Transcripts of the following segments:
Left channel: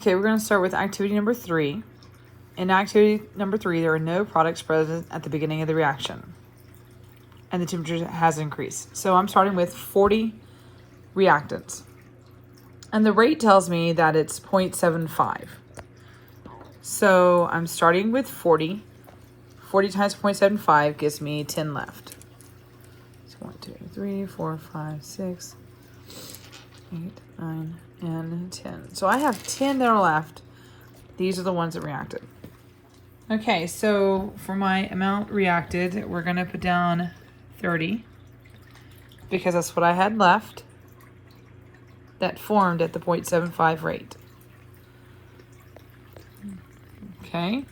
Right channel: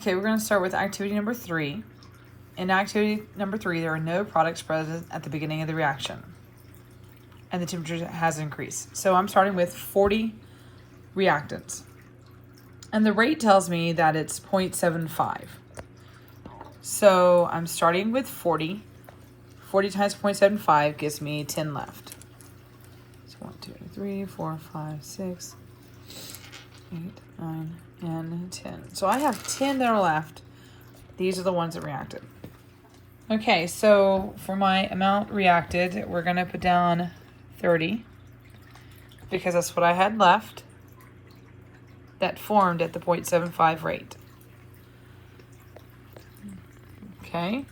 Okay, we're going to start with activity number 3. In activity number 3, there are no products present at the beginning of the reaction, and the temperature has increased. So I'm starting with 40 reactants, and the rate tells me that it's 0.75. So I'm starting with 40. 40 times 0.75 gives me 10 left. So 1, 2, 3, 4, 5, 6, 8, 9, and 10. So I have 10 that are left. These are the ones that reacted. Okay, so for my amount reacted, we're gonna put down 30 because that's what I had left that formed at the 0.75 rate. Okay,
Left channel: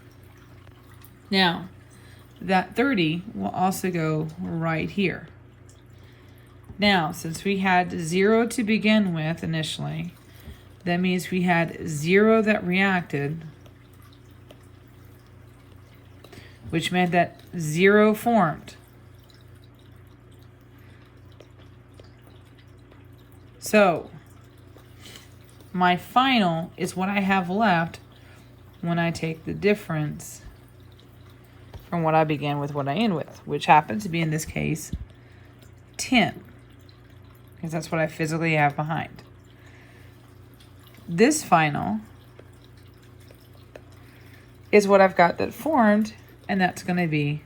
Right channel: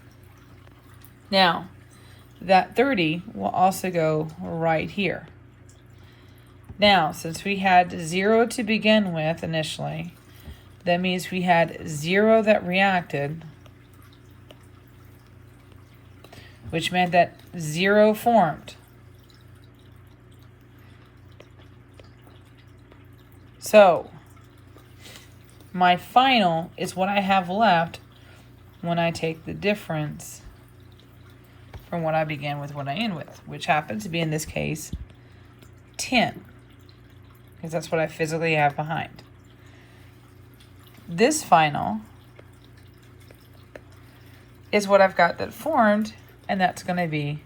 now that 30 will also go right here. Now, since we had 0 to begin with initially, that means we had 0 that reacted, which meant that 0 formed. So my final is what I have left when I take the difference from what I began with, what I end with, which happens to be, in this case, 10, because that's what I physically have behind. This final is what I've got that formed, and that's going to be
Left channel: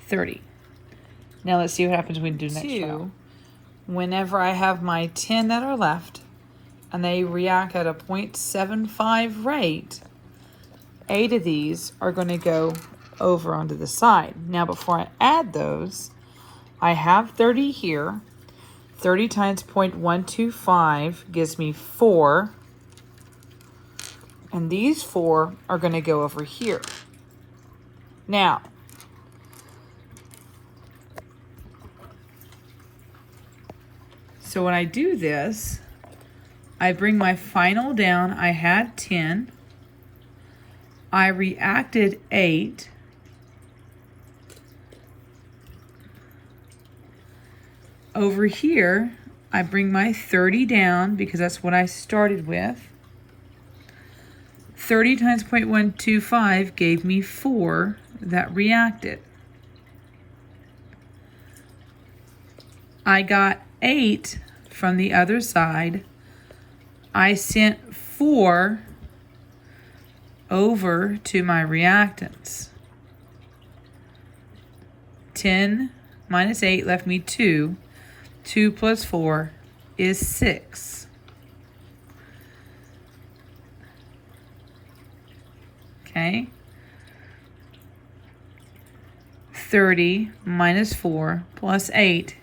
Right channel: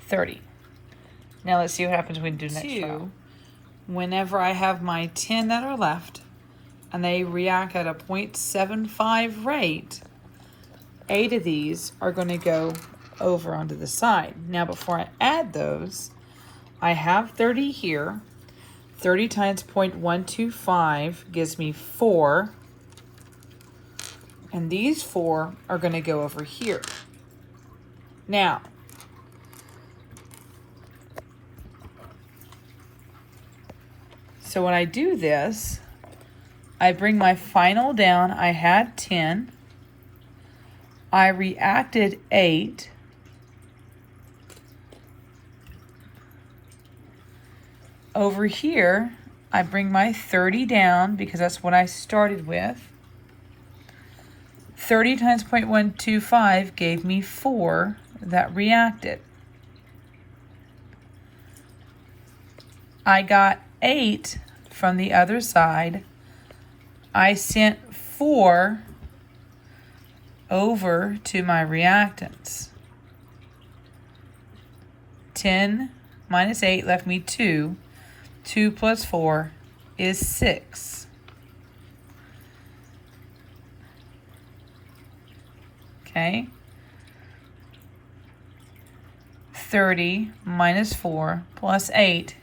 30. Now let's see what happens when we do next round. Whenever I have my 10 that are left, and they react at a 0.75 rate, 8 of these are going to go over onto the side. Now before I add those, I have 30 here. 30 times 0.125 gives me 4. And these 4 are going to go over here. Now, so when I do this, I bring my final down. I had 10. I reacted 8. Over here, I bring my 30 down because that's what I started with. 30 times 0.125 gave me 4 that reacted. I got 8 from the other side. I sent 4 over to my reactants. 10 minus 8 left me 2. 2 plus 4 is 6. Okay. 30 minus 4 plus 8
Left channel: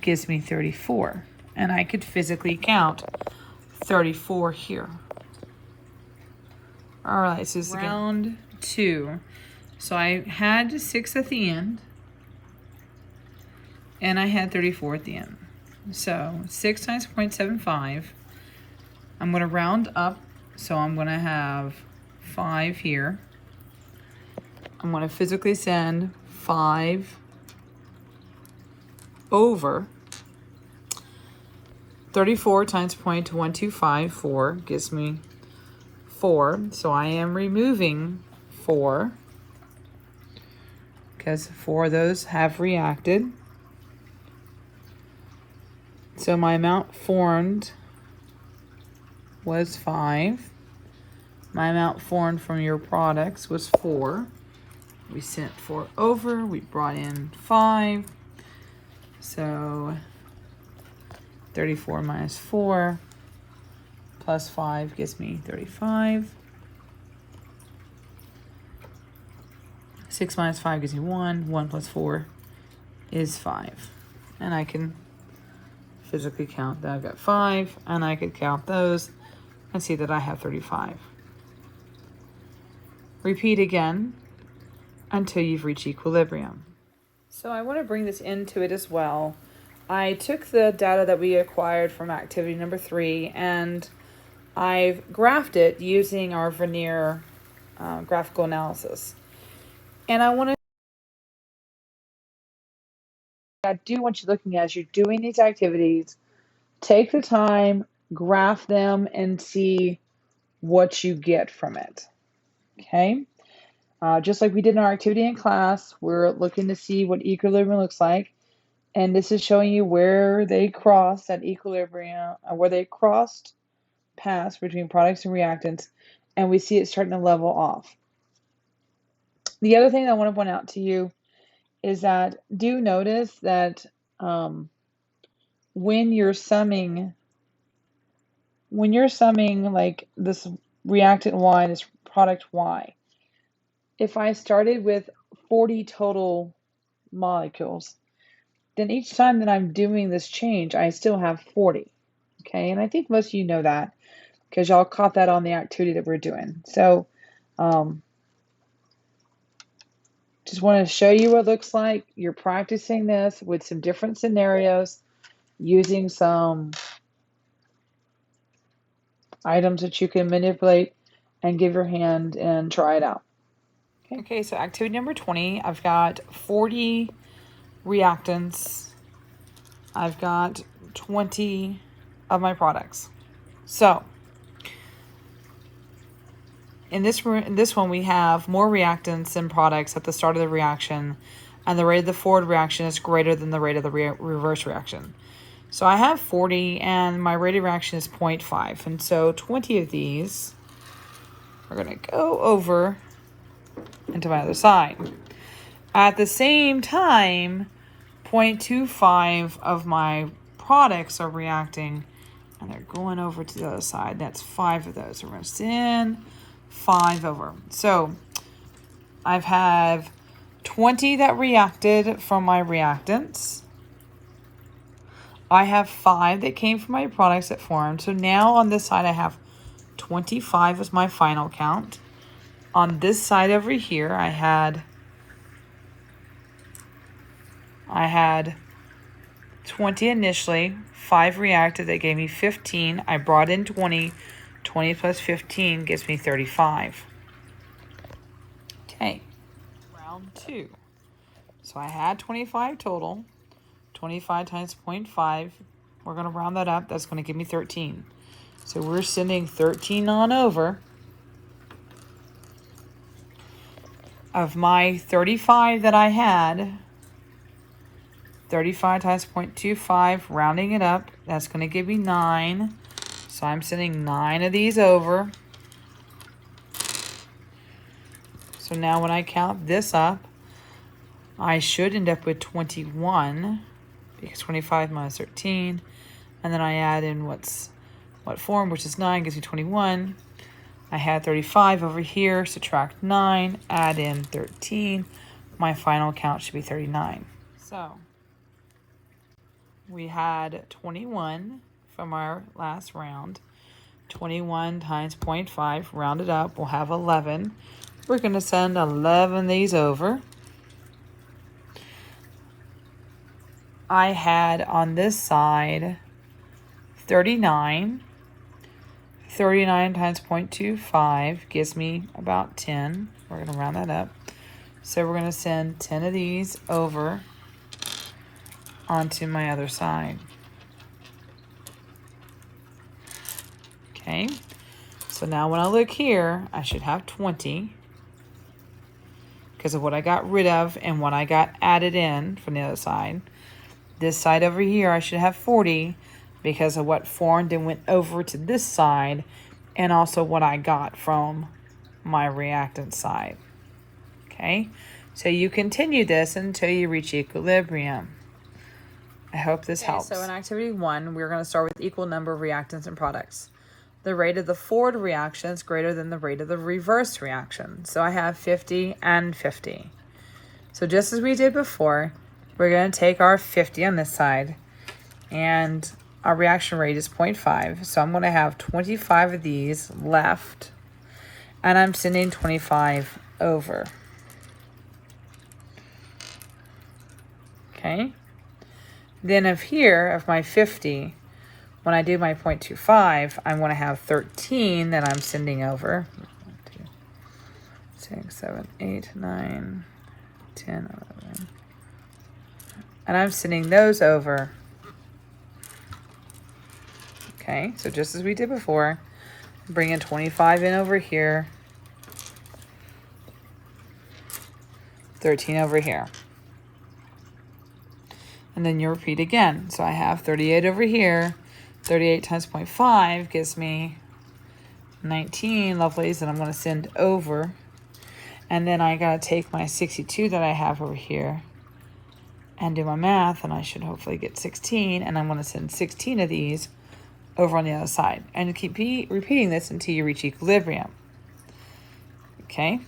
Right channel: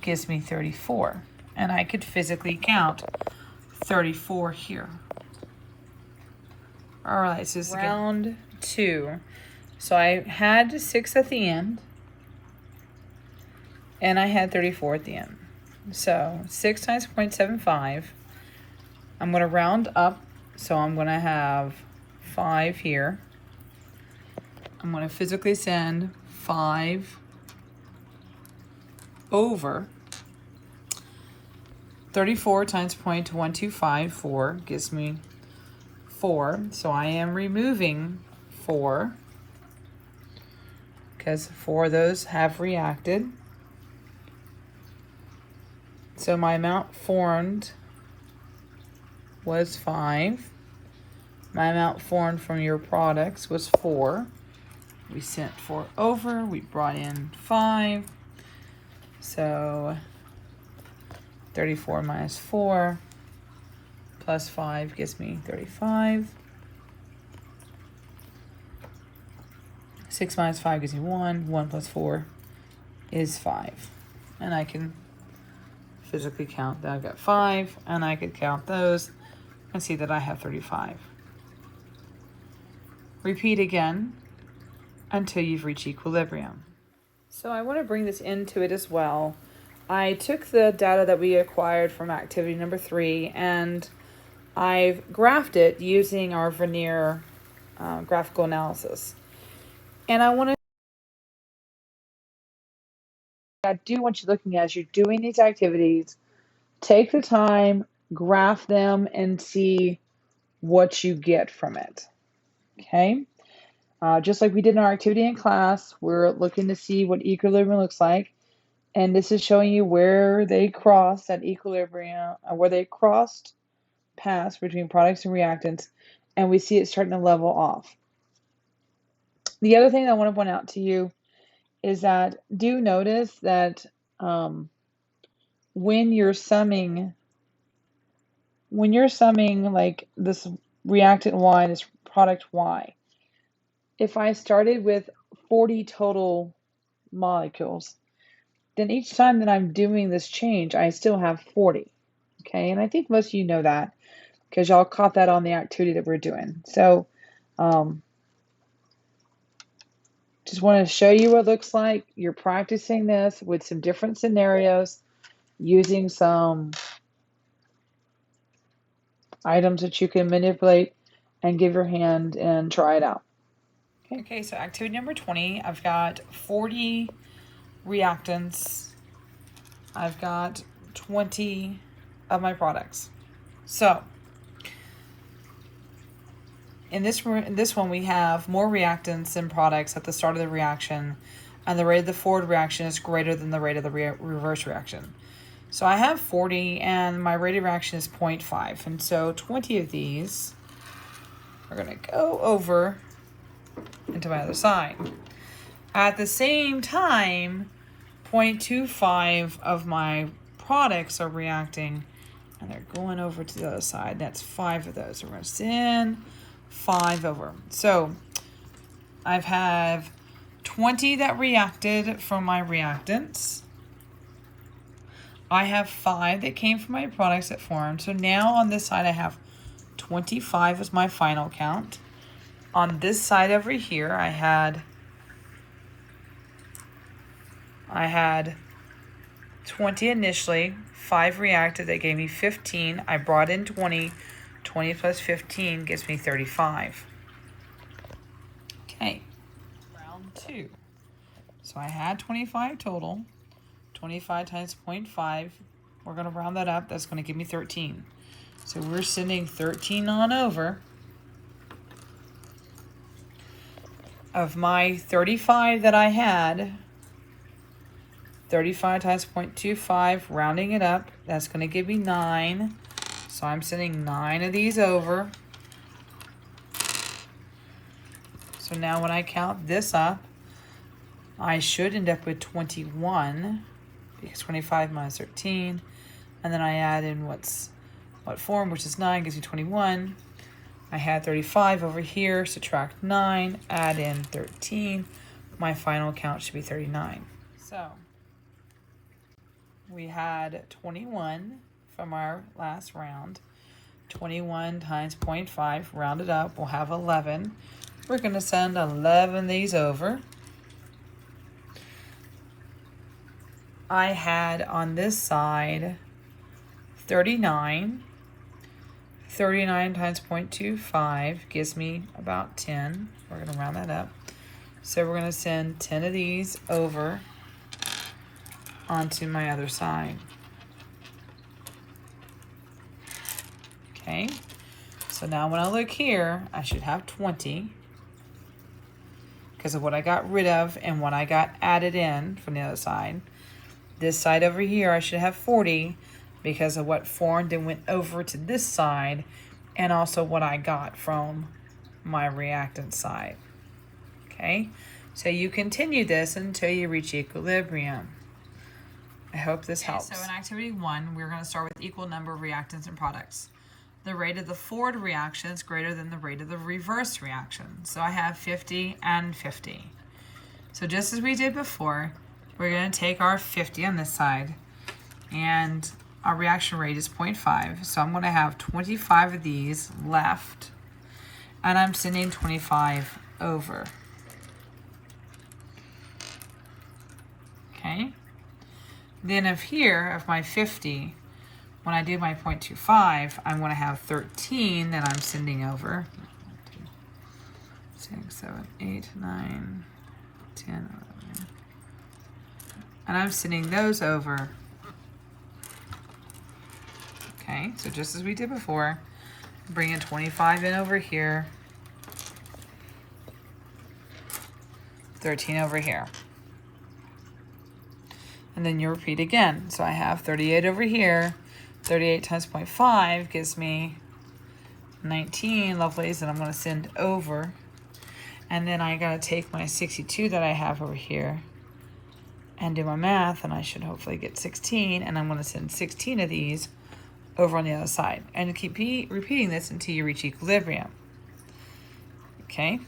gives me 34. And I could physically count 34 here. All right, so this is round 2. So I had 6 at the end, and I had 34 at the end. So 6 times 0.75, I'm going to round up, so I'm going to have 5 here. I'm going to physically send 5 over. 34 times 0.125, 4, gives me 4. So I am removing 4 because 4 of those have reacted. So my amount formed was 5. My amount formed from your products was 4. We sent 4 over. We brought in 5. So 34 minus 4 plus 5 gives me 35. 6 minus 5 gives me 1. 1 plus 4 is 5. And I can physically count that I've got 5, and I could count those and see that I have 35. Repeat again until you've reached equilibrium. So I want to bring this into it as well. I took the data that we acquired from activity number 3, and I've graphed it using our Vernier graphical analysis. And I do want you looking as you're doing these activities, take the time, graph them, and see what you get from it. Okay? Just like we did in our activity in class, we're looking to see what equilibrium looks like. And this is showing you where they crossed at equilibrium, where they crossed paths between products and reactants, and we see it starting to level off. The other thing I want to point out to you is that do notice that when you're summing like this reactant Y and this product Y, if I started with 40 total molecules, then each time that I'm doing this change, I still have 40. Okay, and I think most of you know that because y'all caught that on the activity that we're doing. So just want to show you what it looks like. You're practicing this with some different scenarios using some items that you can manipulate and give your hand and try it out. Okay, so activity number 20, I've got 40 reactants. I've got 20 of my products. So in this one, we have more reactants than products at the start of the reaction, and the rate of the forward reaction is greater than the rate of the reverse reaction. So I have 40, and my rate of reaction is 0.5, and so 20 of these are going to go over into my other side. At the same time, 0.25 of my products are reacting, and they're going over to the other side. That's 5 of those. So we're going to send 5 over. So I've had 20 that reacted from my reactants. I have 5 that came from my products that formed. So now on this side I have 25 as my final count. On this side over here I had 20 initially, 5 reacted, that gave me 15. I brought in 20. 20 plus 15 gives me 35. Okay, round 2. So I had 25 total. 25 times 0.5, we're going to round that up. That's going to give me 13. So we're sending 13 on over. Of my 35 that I had, 35 times 0.25, rounding it up, that's going to give me 9. So I'm sending 9 of these over. So now when I count this up, I should end up with 21, because 25 minus 13, and then I add in what form, which is 9, gives me 21. I had 35 over here, subtract 9, add in 13. My final count should be 39. So we had 21 from our last round. 21 times 0.5, rounded up, we'll have 11. We're going to send 11 of these over. I had on this side 39. 39 times 0.25 gives me about 10. We're going to round that up. So we're going to send 10 of these over onto my other side. Okay, so now when I look here, I should have 20 because of what I got rid of and what I got added in from the other side. This side over here, I should have 40 because of what formed and went over to this side, and also what I got from my reactant side. Okay, so you continue this until you reach equilibrium. I hope this helps. So in activity 1, we're going to start with equal number of reactants and products. The rate of the forward reaction is greater than the rate of the reverse reaction. So I have 50 and 50. So just as we did before, we're going to take our 50 on this side, and our reaction rate is 0.5. So I'm going to have 25 of these left, and I'm sending 25 over. Okay. Then of my 50, when I do my 0.25, I'm going to have 13 that I'm sending over. 6, 7, 8, 9, 10, 11. And I'm sending those over. Okay, so just as we did before. Bring in 25 in over here. 13 over here. And then you repeat again. So I have 38 over here. 38 times 0.5 gives me 19 lovelies that I'm going to send over. And then I got to take my 62 that I have over here and do my math, and I should hopefully get 16, and I'm going to send 16 of these over on the other side. And keep repeating this until you reach equilibrium. Okay?